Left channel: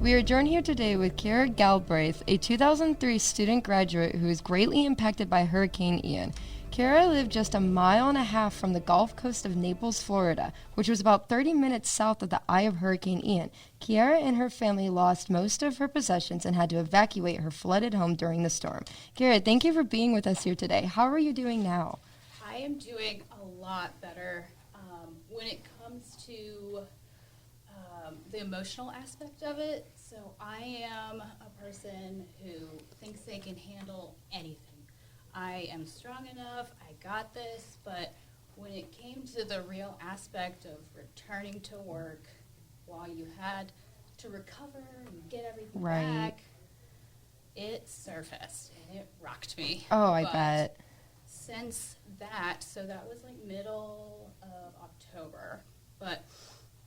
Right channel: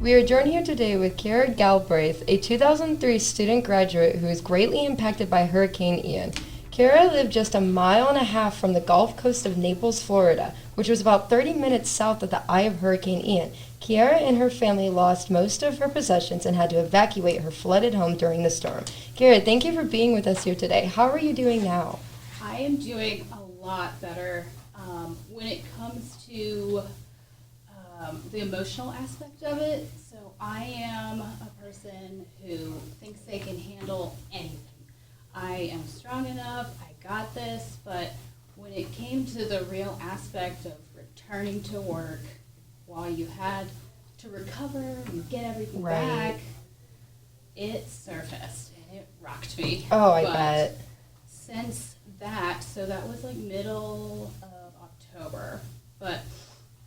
We are joined here today with Kira Galbraith, a 2003 student graduate who was greatly impacted by Hurricane Ian. Kira lived just a mile and a half from the Gulf Coast of Naples, Florida, which was about 30 minutes south of the eye of Hurricane Ian. Kira and her family lost most of her possessions and had to evacuate her flooded home during the storm. Kira, thank you for being with us here today. How are you doing now? I am doing a lot better when it comes to the emotional aspect of it. So I am a person who thinks they can handle anything. I am strong enough, I got this, but when it came to the real aspect of returning to work while you had to recover and get everything back, it surfaced and it rocked me. Oh, I But bet. since that, so that was like middle of October, but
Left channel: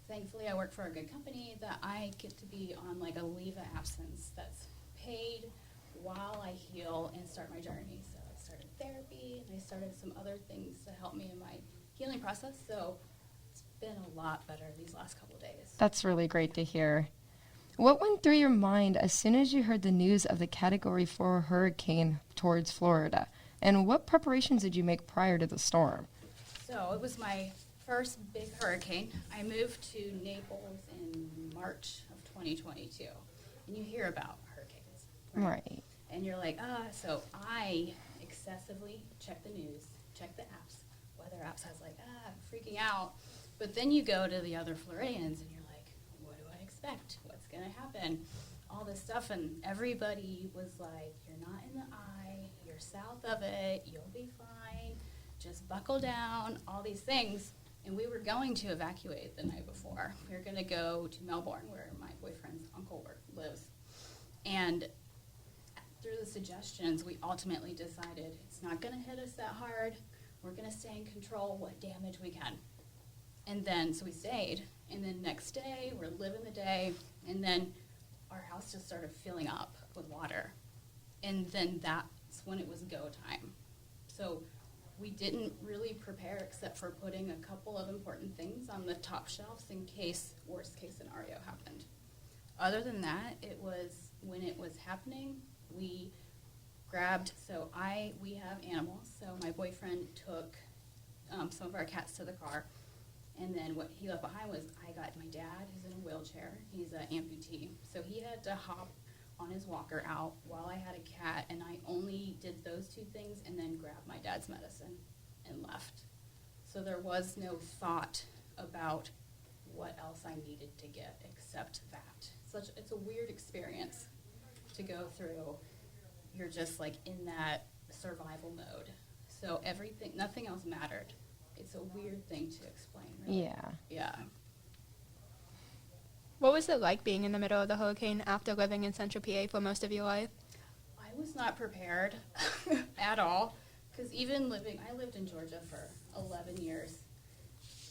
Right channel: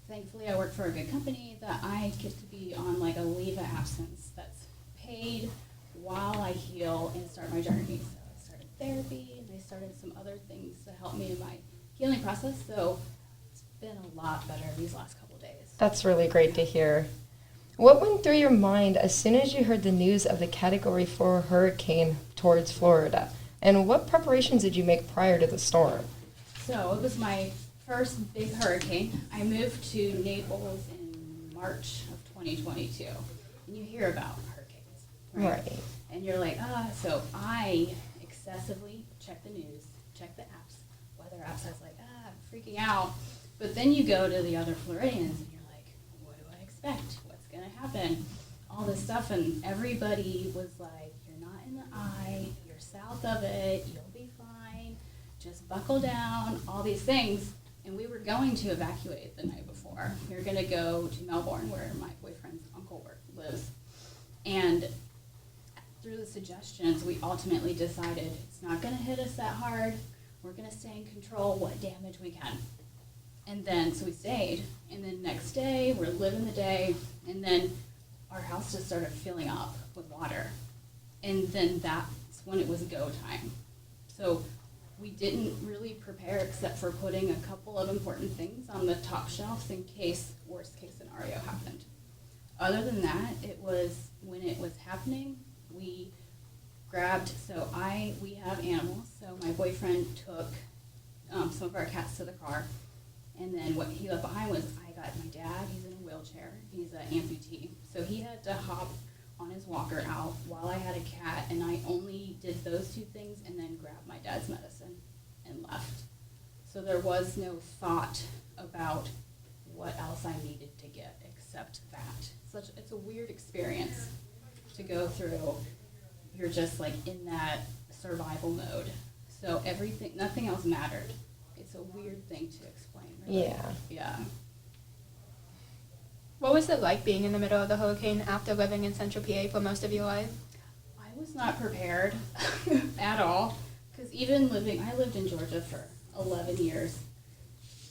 thankfully I work for a good company that I get to be on like a leave of absence that's paid while I heal and start my journey. So I started therapy and I started some other things to help me in my healing process. So it's been a lot better these last couple of days. That's really great to hear. What went through your mind as soon as you heard the news of the Category 4 hurricane towards Florida? And what preparations did you make prior to the storm? So it was my first big hurricane. I moved to Naples in March of 2022. And you hear about hurricanes, right? And you're like, so I excessively check the news, check the apps, weather apps. I was like, I'm freaking out. But then you go to the other Floridians and you're like, what do I expect? What's going to happen? All this stuff. And everybody was like, you're not in the eye, you're south of it, you'll be fine, just buckle down, all these things. And we were going to evacuate the night before. We were going to go to Melbourne, where my boyfriend's uncle lives. And through the suggestions, we ultimately decided it's not going to hit us that hard. We're going to stay in control what damage we can. And then, so we stayed. And then next day, we're living the day. And then our house just started filling up with water. And then that's when it was go time. So we didn't really prepare except for putting a couple of important things on the top shelves in case worst case scenario happened. Other than that, it was when it was happening, we grabbed, we have animals, so my boyfriend took some of our cats to the car, and then what he left behind was I got my dad, he's in a wheelchair, he's an amputee, so he had to hop on his walker out while I had a cat, and I only did those two things and then grabbed my dad's medicine and left. So there was no thought about what else I needed to get except that. It's a weird experience to go through. You're just like in that survival mode. So nothing else mattered. It's a weird thing to explain, really. Yeah. What was it like being in the middle of the hurricane after living in Central PA for most of your life? I was not prepared at all, because I lived in Georgia for 11 years,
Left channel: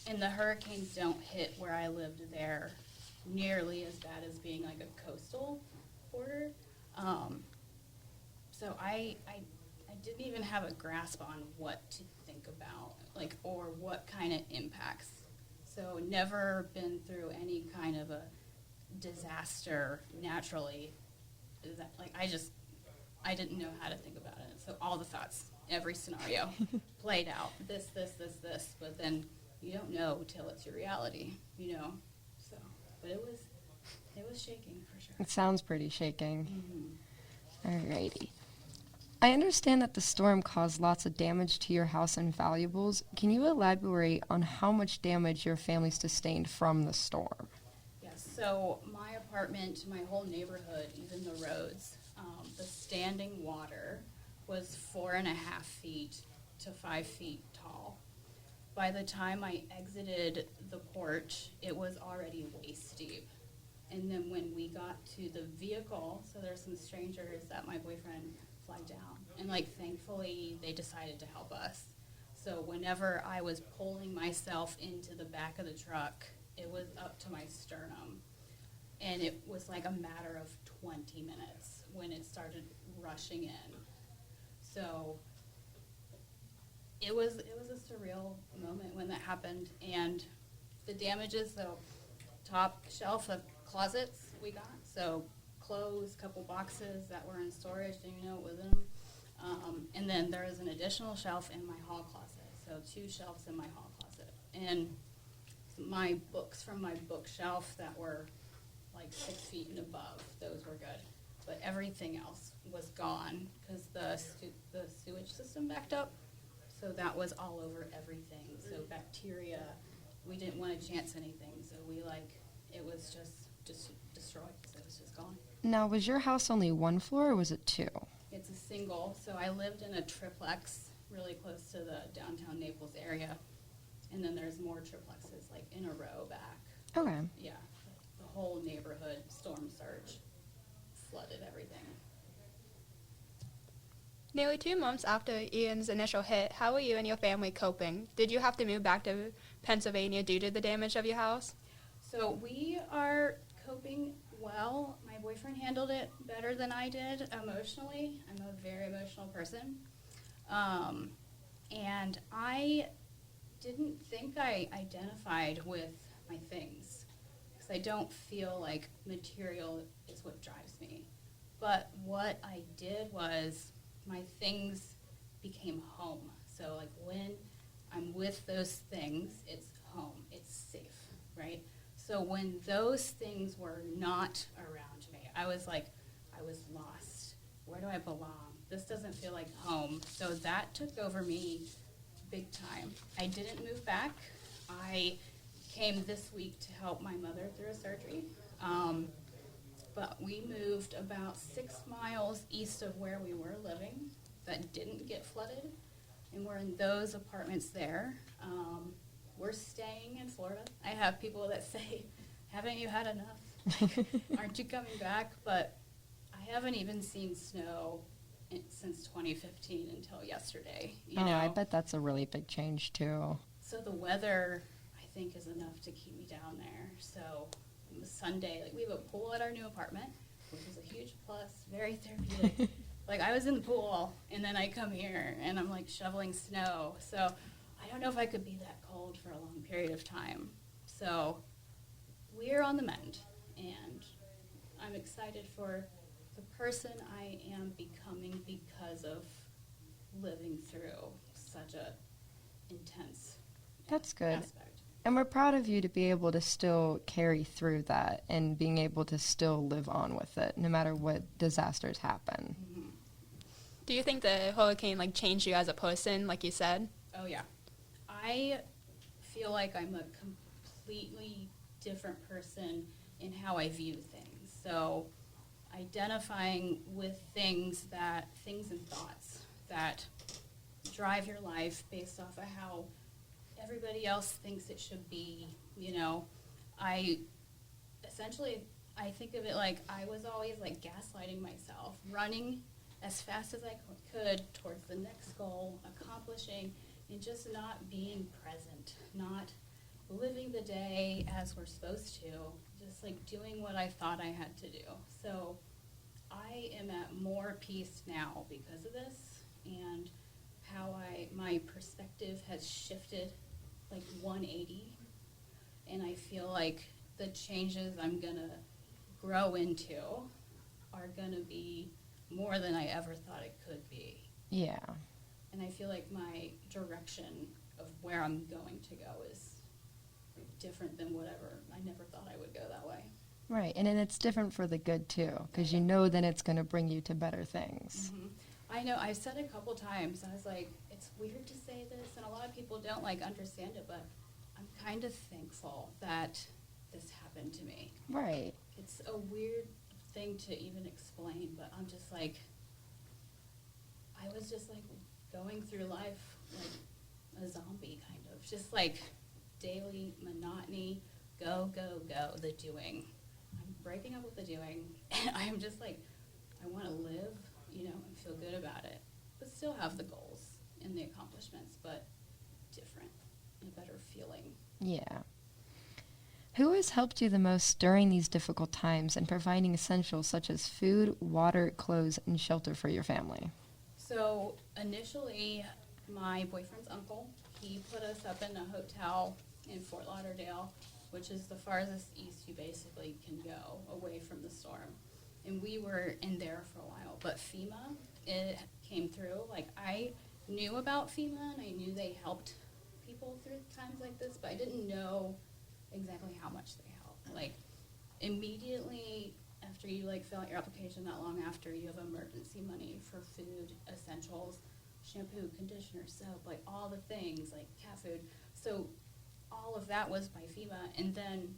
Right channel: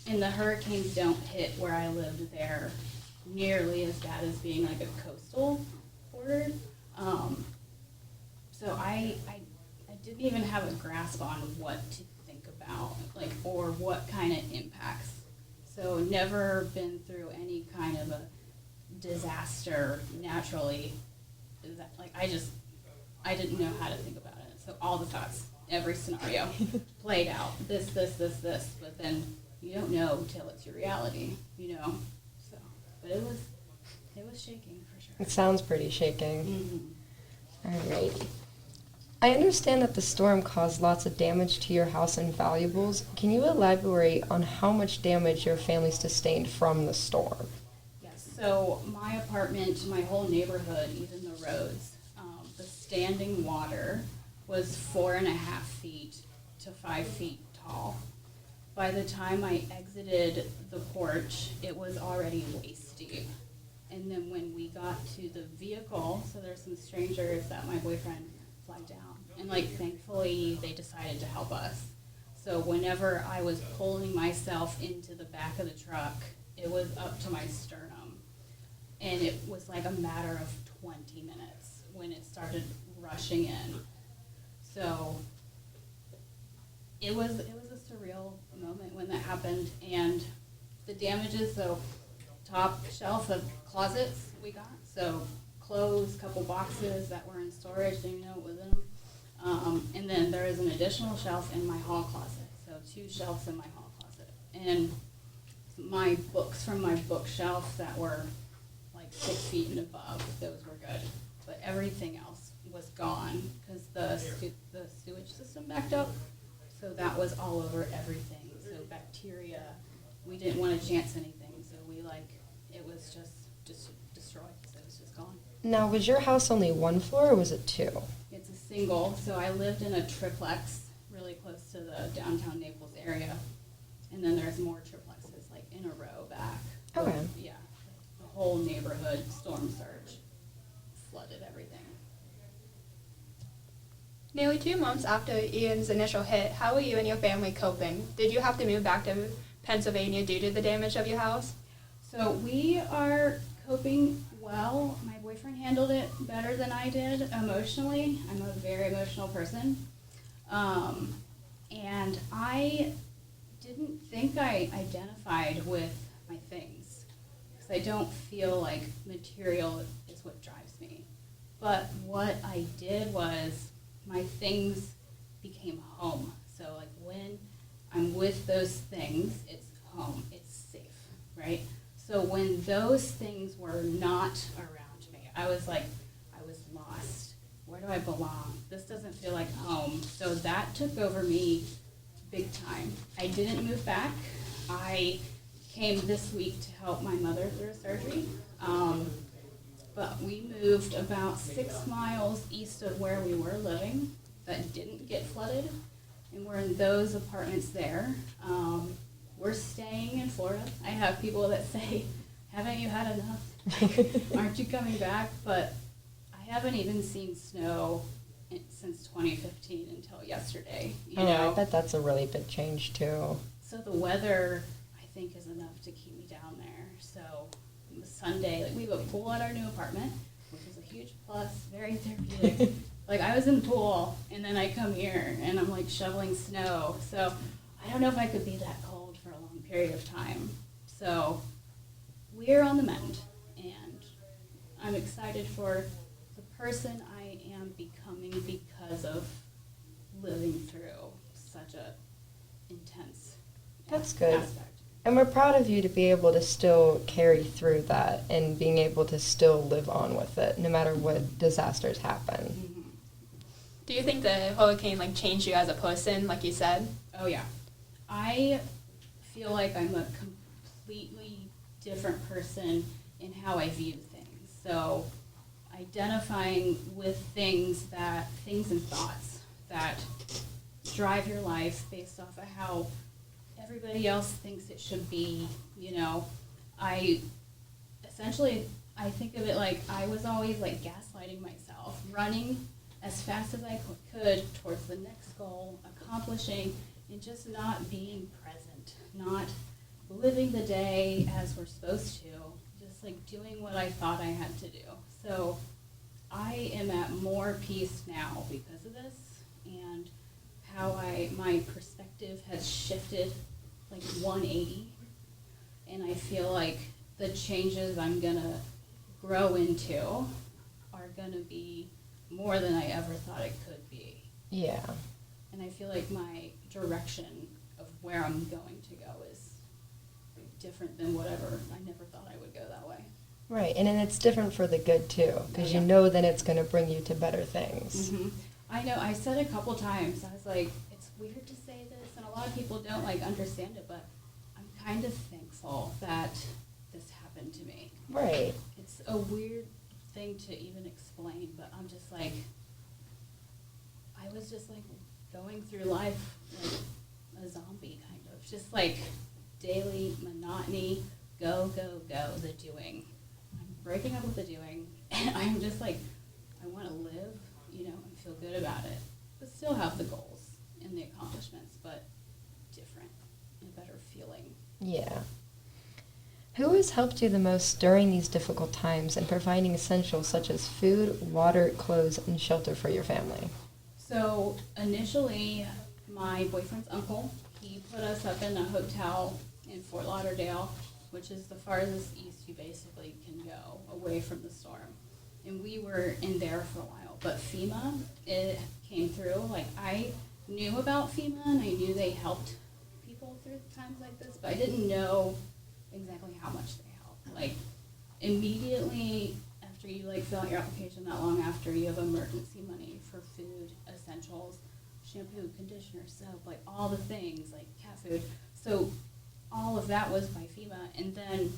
and the hurricanes don't hit where I lived there nearly as bad as being like a coastal border. So I didn't even have a grasp on what to think about, or what kind of impacts. So never been through any kind of a disaster naturally. I didn't know how to think about it. So all the thoughts, every scenario played out. This, but then you don't know till it's your reality, So, but it was shaking for sure. It sounds pretty shaking. Mm-hmm. Alrighty. I understand that the storm caused lots of damage to your house and valuables. Can you elaborate on how much damage your family sustained from the storm? Yes, so my apartment, my whole neighborhood, even the roads, the standing water was 4.5 feet to 5 feet tall. By the time I exited the porch, it was already waist deep. And then when we got to the vehicle, so there's some strangers that my boyfriend flagged down. And thankfully, they decided to help us. So whenever I was pulling myself into the back of the truck, it was up to my sternum. And it was like a matter of 20 minutes when it started rushing in. So it was a surreal moment when that happened. And the damages, so top shelf of closets we got. So clothes, couple boxes that were in storage, didn't even know what was in them. And then there is an additional shelf in my hall closet. So 2 shelves in my hall closet. And my books from my bookshelf that were like 6 feet and above, those were good. But everything else was gone because the sewage system backed up. So that was all over everything. So bacteria, we didn't want to chance anything. So it was just destroyed. So it was just gone. Now, was your house only 1 floor or was it 2? It's a single, so I lived in a triplex really close to the downtown Naples area. And then there's more triplexes like in a row back. Okay. Yeah, the whole neighborhood storm surge flooded everything. Nearly 2 months after Ian's initial hit, how were you and your family coping? Did you have to move back to Pennsylvania due to the damage of your house? So we are coping well. My boyfriend handled it better than I did emotionally. I'm a very emotional person. And I didn't think I identified with my things because I don't feel like material is what drives me. But what I did was my things became home. So like when I'm with those things, it's home, it's safe, right? So when those things were not around me, I was like, I was lost. Where do I belong? This doesn't feel like home. So that took over me big time. I didn't move back. I came this week to help my mother through a surgery. But we moved about 6 miles east of where we were living that didn't get flooded. And we're in those apartments there. We're staying in Florida. I have people that say, haven't you had enough? Aren't you coming back? But I haven't even seen snow since 2015 until yesterday. You know? I bet that's a really big change too. So the weather, I think, is enough to keep me down there. So it was Sunday, like we have a pool at our new apartment, which is a huge plus, very therapeutic. Like I was in the pool, and then I come here, and I'm like shoveling snow. So I don't know if I could be that cold for a long period of time. So we're on the mend, and I'm excited for the person I am becoming because of living through such a intense That's good. aspect. And we're proud of you to be able to still carry through that and being able to still live on with it no matter what disasters happen. Mm-hmm. Do you think the hurricane changed you as a person, like you said? Oh yeah. I feel like I'm a completely different person in how I view things. So identifying with things and thoughts that drive your life based off of how everybody else thinks it should be, I think of it like I was always gaslighting myself, running as fast as I could towards the next goal, accomplishing, and just not being present, not living the day as we're supposed to, just doing what I thought I had to do. So I am at more peace now because of this, and how my perspective has shifted 180, and I feel like the changes I'm gonna grow into are gonna be more than I ever thought it could be. Yeah. And I feel like my direction of where I'm going to go is different than whatever. I never thought I would go that way. Right, and then it's different for the good too, because you know then it's going to bring you to better things. Mm-hmm. I know, I said it a couple times, I was like, it's weird to say this, and a lot of people don't understand it, but I'm kind of thankful that this happened to me. Right. It's a weird thing to even explain, but I'm just I was just going through life like a zombie kind of, just daily monotony, go, the doing. I'm breaking up with the doing, and I'm just I want to live, and feel good about it, but still have the goals and the accomplishments, but different, and a better feeling. Yeah. Who has helped you the most during these difficult times in providing essentials such as food, water, clothes, and shelter for your family? So initially, my boyfriend's uncle, he put us up in a hotel in Fort Lauderdale, which is the farthest east you basically can go away from the storm. And we were in there for a while, but FEMA, it came through. Like, I knew about FEMA and I knew they helped people through times like this, but I didn't know exactly how much they helped. Like, immediately after you like fill out your application, not long after, you have emergency money for food, essentials, shampoo, conditioner, soap, like all the things, like cat food. So all of that was by FEMA. And then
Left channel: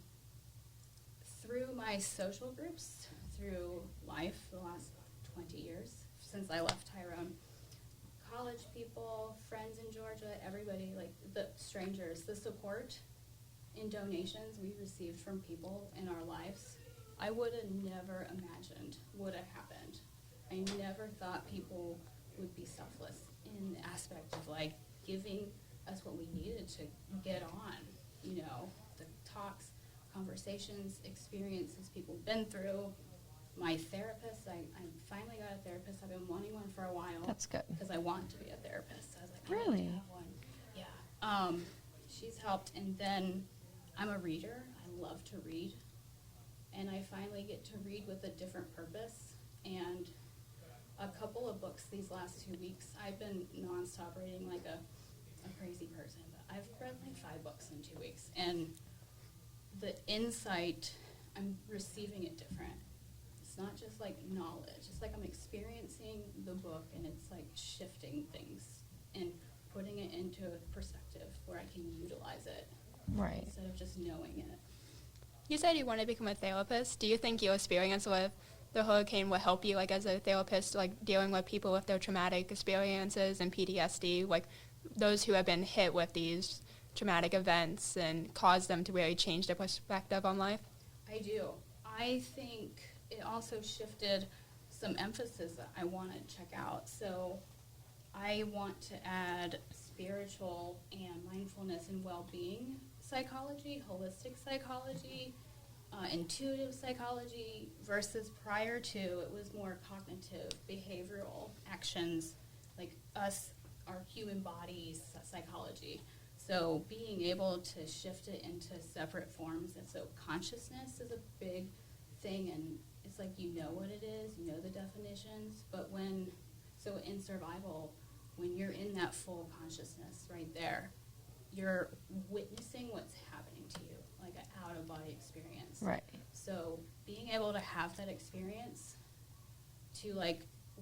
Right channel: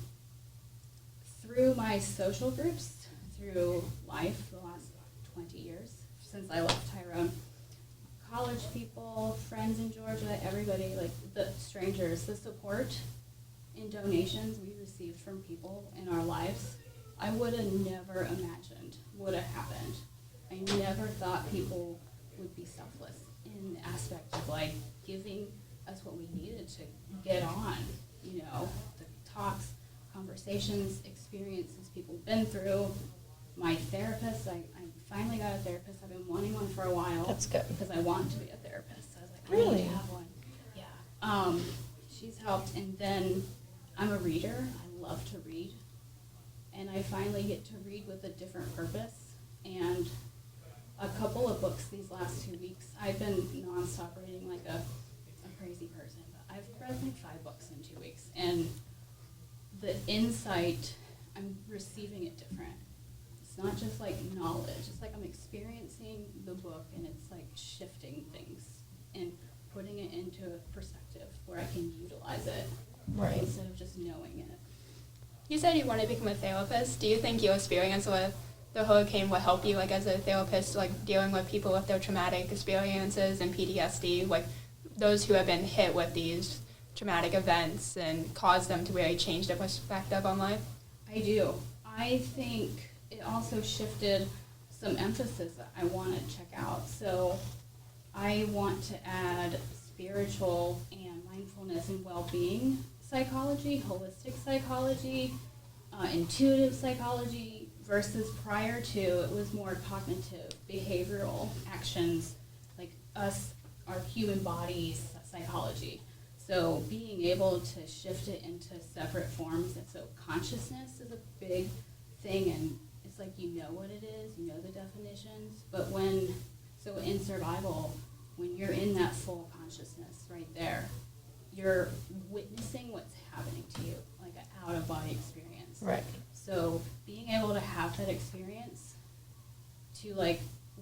through my social groups, through life, the last 20 years since I left Tyrone, college people, friends in Georgia, everybody, like the strangers, the support and donations we received from people in our lives, I would have never imagined would have happened. I never thought people would be selfless in the aspect of like giving us what we needed to get on, you know, the talks, conversations, experiences people have been through. My therapist, I finally got a therapist. I've been wanting one for a while. That's good. Because I want to be a therapist. I was like, I Really? need to have one. Yeah. She's helped. And then I'm a reader. I love to read. And I finally get to read with a different purpose. And a couple of books these last 2 weeks. I've been nonstop reading like a crazy person. But I've read like 5 books in 2 weeks. And the insight, I'm receiving it different. It's not just like knowledge. It's like I'm experiencing the book and it's like shifting things and putting it into a perspective where I can utilize it Right. instead of just knowing it. You said you want to become a therapist. Do you think your experience with the hurricane will help you, like as a therapist, like dealing with people with their traumatic experiences and PTSD, like those who have been hit with these traumatic events and cause them to really change their perspective on life? I do. I think it also shifted some emphasis that I want to check out. So I want to add spiritual and mindfulness and well-being psychology, holistic psychology, intuitive psychology, versus prior to it was more cognitive, behavioral actions, like us, our human bodies psychology. So being able to shift it into separate forms, and so consciousness is a big thing, and it's like you know what it is, you know the definitions, but so in survival, when you're in that full consciousness right there, you're witnessing what's happening to you, like an out-of-body experience. Right. So being able to have that experience, to like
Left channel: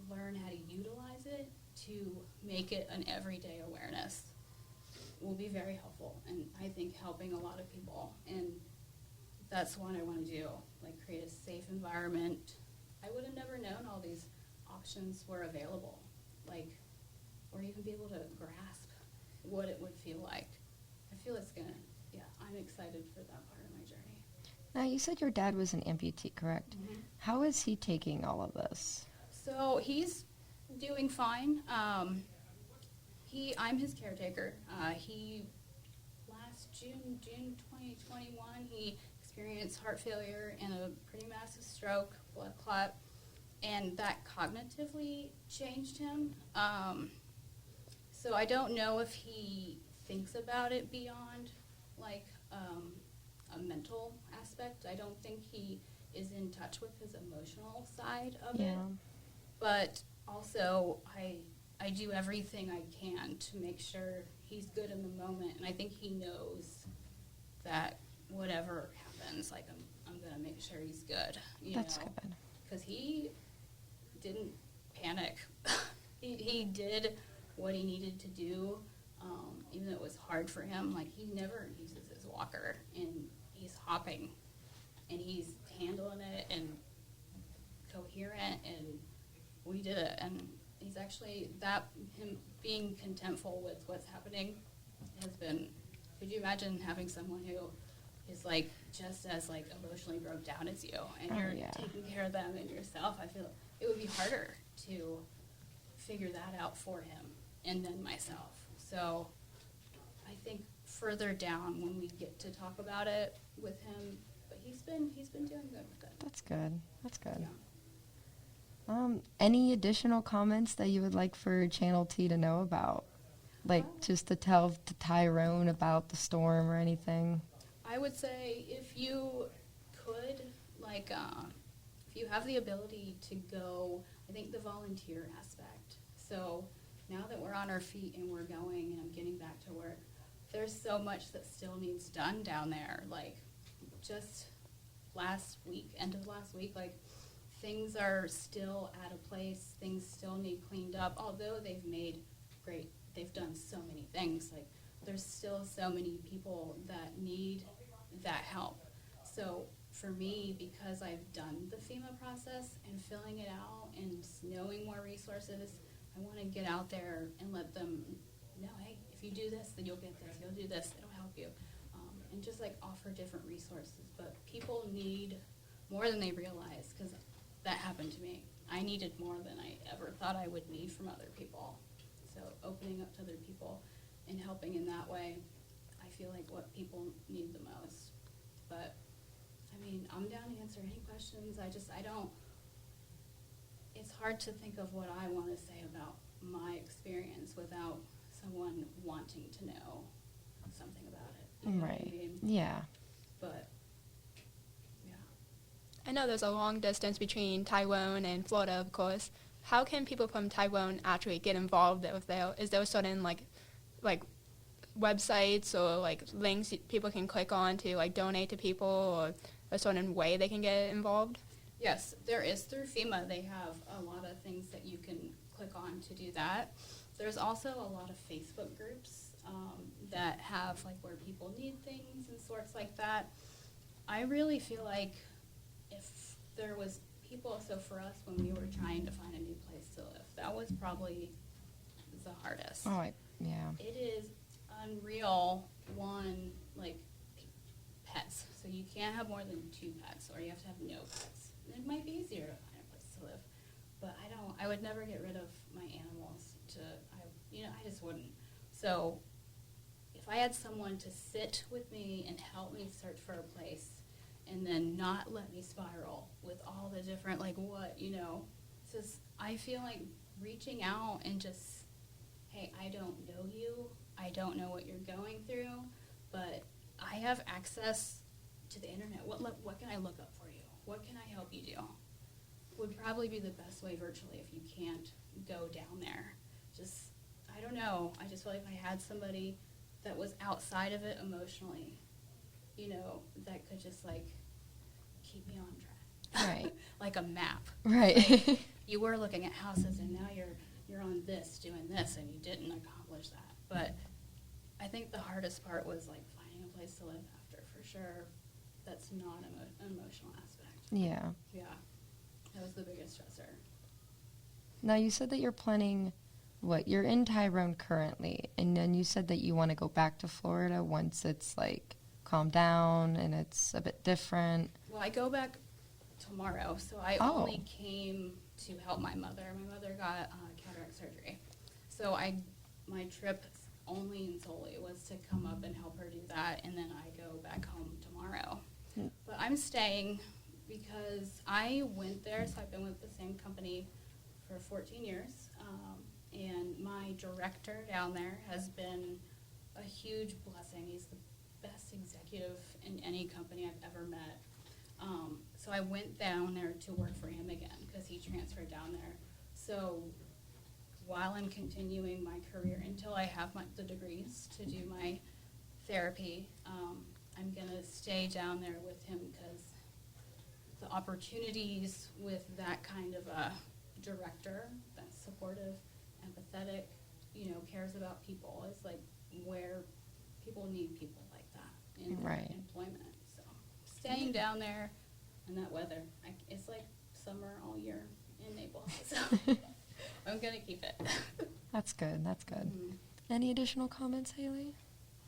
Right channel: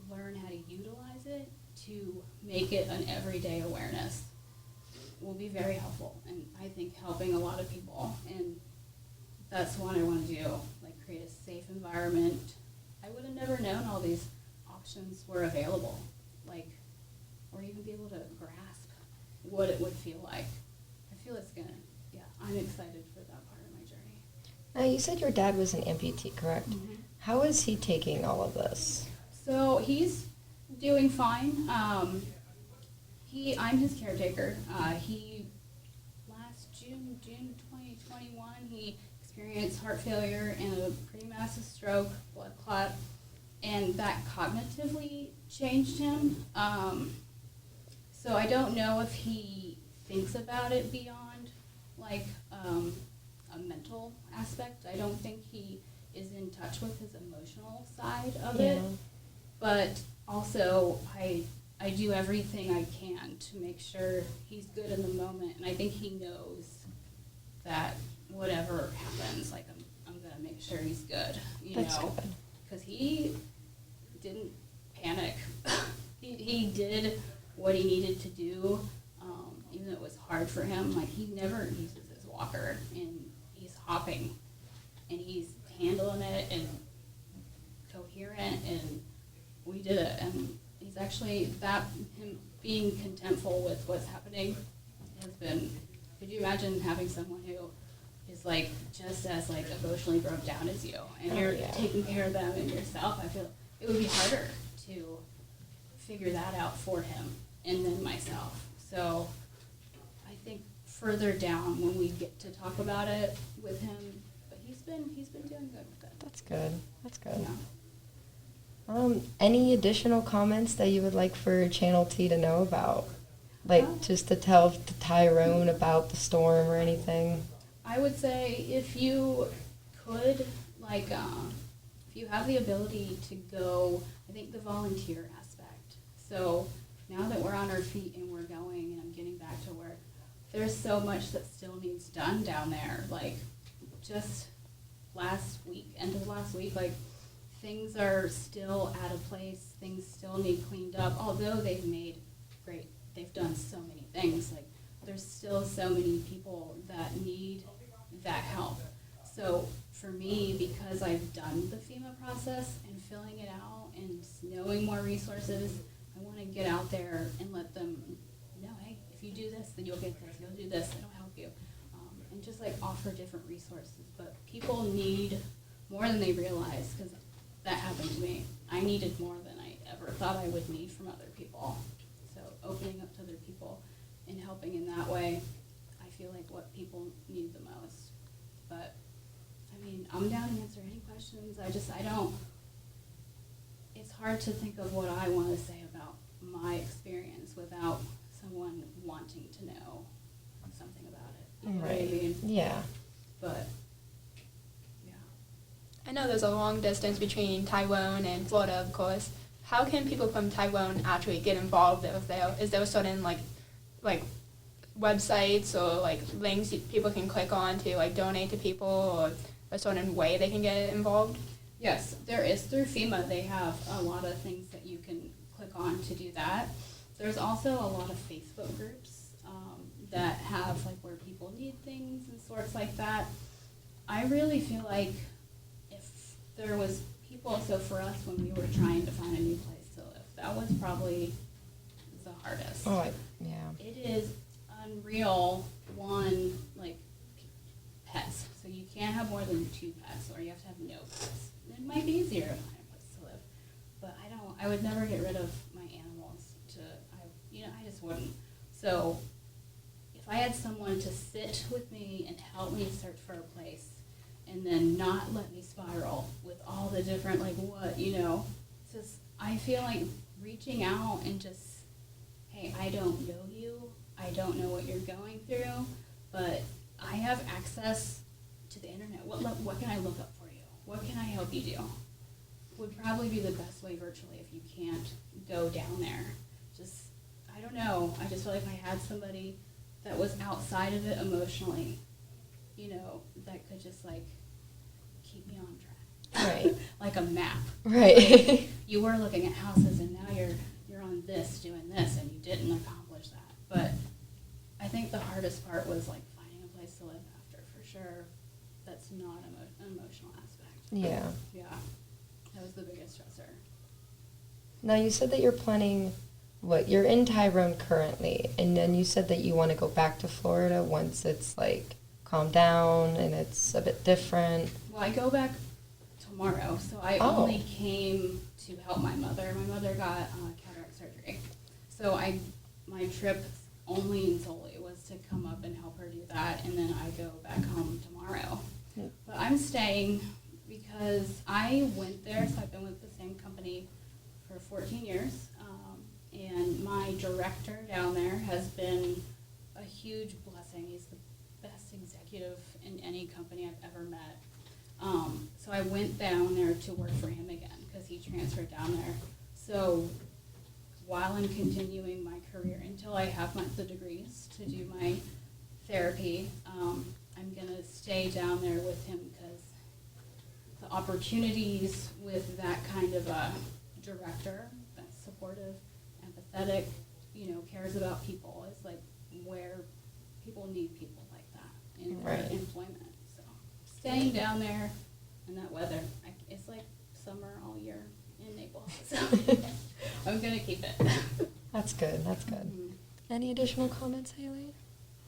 learn how to utilize it, to make it an everyday awareness, will be very helpful, and I think helping a lot of people. And that's what I want to do, like create a safe environment. I would have never known all these options were available, like, or even be able to grasp what it would feel like. I feel it's gonna, I'm excited for that part of my journey. Now, you said your dad was an amputee, correct? Mm-hmm. How is he taking all of this? So he's doing fine. I'm his caretaker. He last June 2021, he experienced heart failure and a pretty massive stroke, blood clot, and that cognitively changed him. So I don't know if he thinks about it beyond like a mental aspect. I don't think he is in touch with his emotional side of it. But also I do everything I can to make sure he's good in the moment, and I think he knows that whatever happens, like I'm gonna make sure he's good, That's good. because he didn't panic. he did what he needed to do, even though it was hard for him. Like, he never uses his walker, and he's hopping, and he's handling it and coherent, and we did it. And he's actually, him being contentful with what's happening has been, could you imagine having someone who is like just as like emotionally broke down as you, and you're taking care of them and yourself? I feel it would be harder to figure that out for him and then myself. So I think further down when we get to talk about it with him, but he's been doing good with it. That's good. That's good. Yeah. Any additional comments that you would like for Channel T to know about? Like, just to tell Tyrone about the storm or anything? I would say if you could, like, if you have the ability to go, I think the volunteer aspect. So now that we're on our feet and we're going and I'm getting back to work, there's so much that still needs done down there. Like, just last week, end of last week, like, things are still out of place. Things still need cleaned up. Although they've done so many things. Like, there's still so many people that need that help. So for me, because I've done the FEMA process and filling it out and knowing more resources, I want to get out there and let them know, hey, if you do this, then you'll get this. You'll do this, it'll help you. And just like offer different resources. But people need more than they realize, because that happened to me. I needed more than I ever thought I would need from other people. So opening up to other people and helping in that way, I feel like what people need the most. But I mean, I'm down to answer any questions. It's hard to think of what I want to say about my experience without someone wanting to know something about it. You know what I mean? Yeah. But, yeah. I know there's a long distance between Tyrone and Florida, of course. How can people from Tyrone actually get involved with there? Is there a certain, like websites or, like, links people can click on to, like, donate to people, or a certain way they can get involved? Yes, there is. Through FEMA, they have a lot of things that you can click on to do that. There's also a lot of Facebook groups that have, like, where people need things and sorts like that. I really feel like if there was people, so for us, when we were trying to find a new place to live, that was probably the hardest. Oh, yeah. It is unreal, like, pets. So you can't have more than 2 pets, or you have to have no pets. It might be easier to find a place to live, but I would never get rid of my animals. I just wouldn't. So if I had someone to sit with me and help me search for a place, and then not let me spiral with all the different, like, just, I feel like reaching out and just, hey, I don't know you, I don't know what you're going through, but I have access to the internet. What can I look up for you? What can I help you do? Would probably be the best way virtually if you can't go down there. Just, I don't know. I just feel like I had somebody that was outside of it emotionally, that could just, like, keep me on track. Right. Like a map. Right. You were looking at houses, and now you're on this, doing this, and you didn't accomplish that. But I think the hardest part was, like, finding a place to live after, for sure. That's not an emotional aspect. Yeah. Yeah. That was the biggest stressor. Now, you said that you're planning, you're in Tyrone currently, and then you said that you want to go back to Florida once it's, like, calmed down and it's a bit different. Well, I go back tomorrow, so I only came to help my mother. My mother got cataract surgery. So my trip only and solely was to come up and help her do that, and then I go back home tomorrow. But I'm staying because I went there, so I've been with the same company for 14 years, and my director down there has been a huge blessing. He's the best executive in any company I've ever met. So I went down there to work for him again because he transferred down there. So while I'm continuing my career until I have the degrees to do my therapy, I'm going to stay down there with him because the opportunities with that kind of a director that's supportive, empathetic, cares about people is, like, where people need people like that in their employment. So staying down there in that weather, it's like summer all year in Naples. So I'm going to keep it. That's good. That's good. Mm-hmm. Any additional comments, Haley?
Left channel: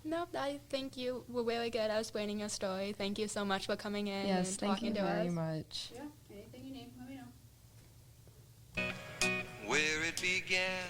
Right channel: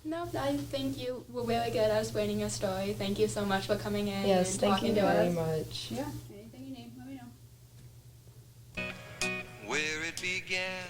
No, I think you were really good at explaining your story. Thank you so much for coming in Yes, and thank talking you to very us. much. Yeah, anything you need, let me know. Where it began